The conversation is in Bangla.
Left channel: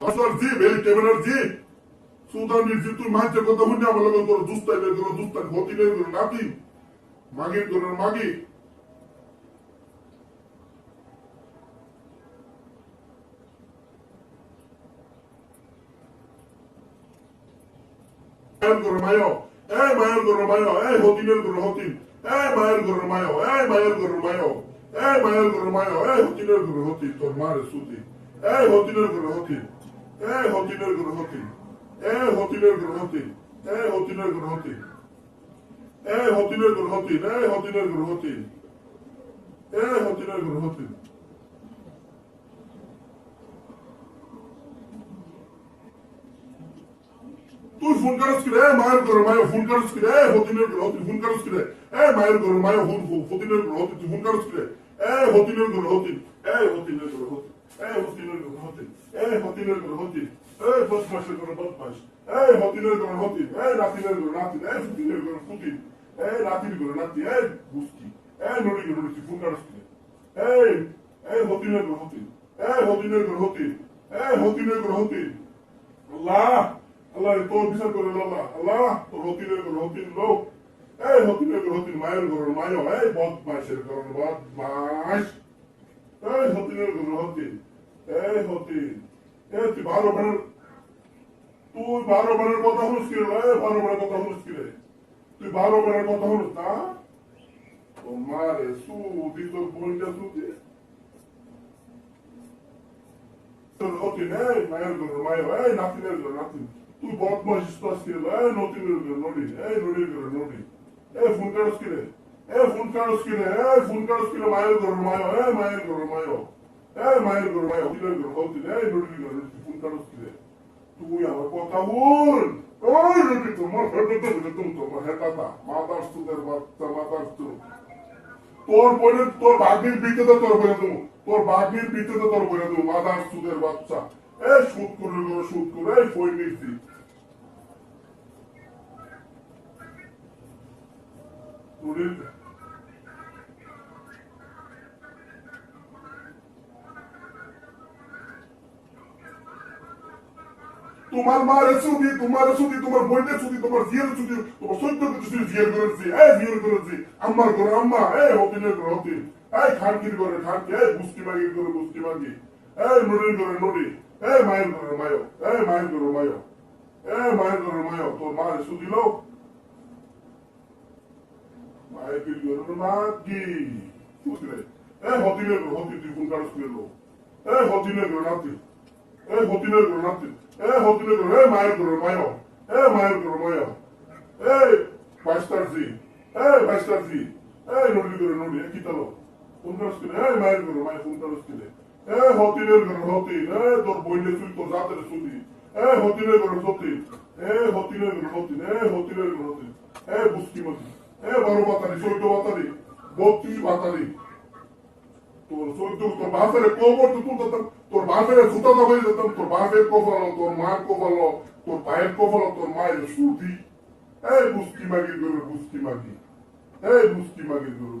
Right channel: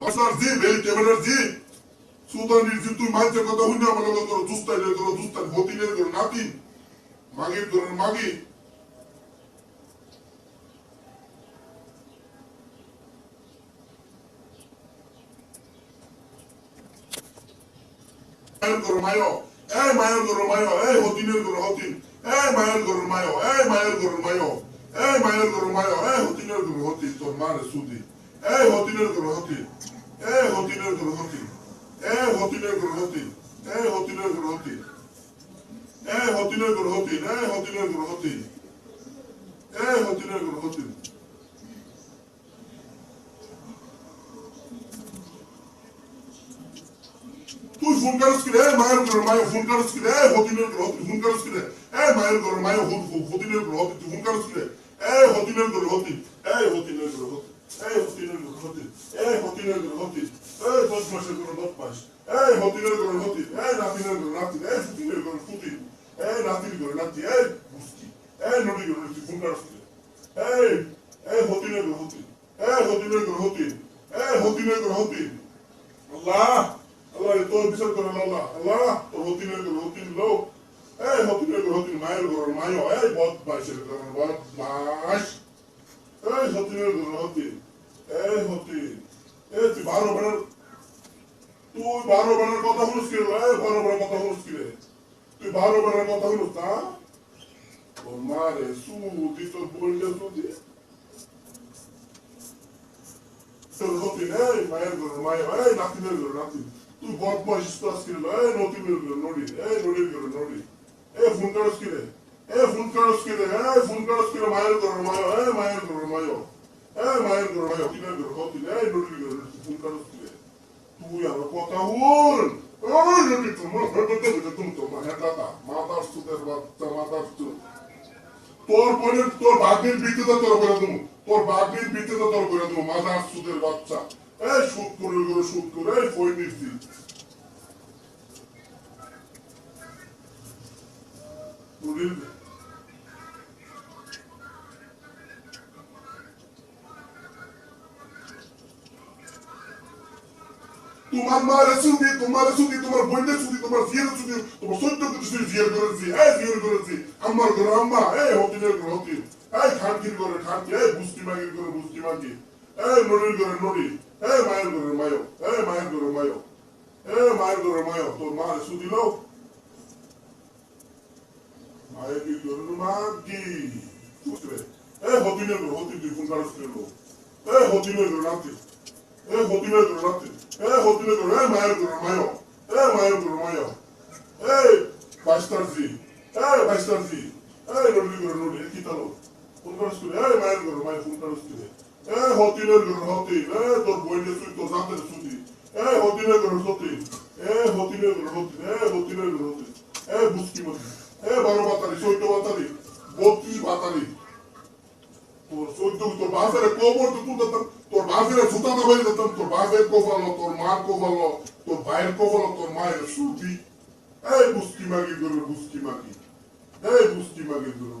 জি ভেরি ক্যামেরার জি সুদানির জি তুই মাইতে কথা হইনা আমার লাগা তোর দুস্তান হতিনের তোর নাতি মাগি তোর মাগি মায়ের তোর মায়ো মায়ের তোর মায়ো হতিনের তোর হতিন মায়ের তোর মায়ো মায়ের তোর মায়ো মায়ের তোর মায়ো হতিনের তোর হতি তোর মারে সুতি হতিনের তোর হতি হতিনের তোর হতি হতিনের তোর হতি হতিনের তোর হতি হতিনের তোর হতি হতিনের তোর হতি হতিনের তোর হতি তুই ফোন করছ কি রে মায়ের তোর মায়ো ফোন করছ কি রে হতিনের তোর হতি ফোন করছ কি রে মায়ের তোর মায়ো হতিনের তোর হতি তুই ফোন করছ কি রে হতিনের তোর হতি হতিনের তোর হতি হতিনের তোর হতি হতিনের তোর হতি 10 মাসের তোর 10 মাস হতিনের তোর হতি রাতিনের তোর রাতি হতিনের তোর ফুটি রাতির তোর রাতি বুঝকি নুড়ি তোর তুই ফোন করছ কি রে হতিনের তোর হতি হতিনের তোর হতি হতিনের তোর হতি আল্লাহ আল্লাহ তোর বিচার করে আল্লাহ আল্লাহ তোর হতিনের তোর হতিন লোক হতিনের তোর হতিন মায়ের ঘর মায়ো বদমাইশের ঘর বদমাস হতিনের তোর হতি হতি তুই 12 বেলার কথা হলুস কি রে 12 বেলার কথা হলুস কি রে তুই 12 বেলার কথা হলুস না ও মারে সুদি তোর বললে সুদি তোর হতিন মায়ের ঘর মায়ো নাতিনের ঘর নাতি তুই বদমাস স্পাস কি রে নতিনের ঘর নড়ি নড়ির ঘর নড়ি ফোন করস কি রে ফোন করস কি রে মায়ের ঘর মায়ো মায়ের ঘর মায়ো মায়ের ঘর মায়ো হতিনের ঘর হতিন নড়ির ঘর ফোন করস কি রে তুই আমার কথা হুন ওই নটি তোমার ফেরত তুমি তোমার দাদা মাতার সুদের বাচ্চা মাতার সুদ তোর পরে তোর বাগির বিতে তোর বলে তুমি তোর বাগির বিতে তোর বলে তুমি মাতার সুদের বাচ্চা সুদ করে ফই নিছি তোমার মারে সুদি তোমার বোনের সুদি তোমার ফিয়ের সুদি তোমার সত্য কিছু জিয়ার করেছি আমার ঘর আম্মা হতিনের ঘর হতি খানকির ঘরে খানকি বুস্কি মাগির ঘরে বুস্কি মাগি নড়ির ঘরে নড়ি মায়ের ঘরে মায়ো মায়ের ঘরে মায়ো মায়ের ঘরে মায়ো তোর মারে সুদি লোক মায়ের কি ঘরে মাগি বুঝলে হতিনের ঘর হতি তুই ফোন কাটস লো হতিনের ঘর নাতি হতিনের ঘর নাতি হতিনের ঘর মায়ের ঘর মায়ো মায়ের ঘর মায়ো ফাইস্টার জি নড়ি ঘরে নড়ি কি তালো ফোন কাটস মায়ের ঘর মায়ো ফোন কাটস হতিনের ঘর হতি তোর বইলে তুই তোর জাতের সুদি হতিনের ঘর হতি হতিনের ঘর হতি হতিনের ঘর হতি বুঝকি মতি বড় বাতারি চৈদ্দ বাতারি 32 বাতারি তোর চৈদ্দ তোর বাপের কবর তোর বাপের জুতা দাবাই দিতাম তোর বাপের কবল তোর মার কবল তোর ভাইয়ের কবল তোর মায়ের সুদি বুঝকি মাগি তোর বুঝকি মাগি বুঝকি মাগি তোর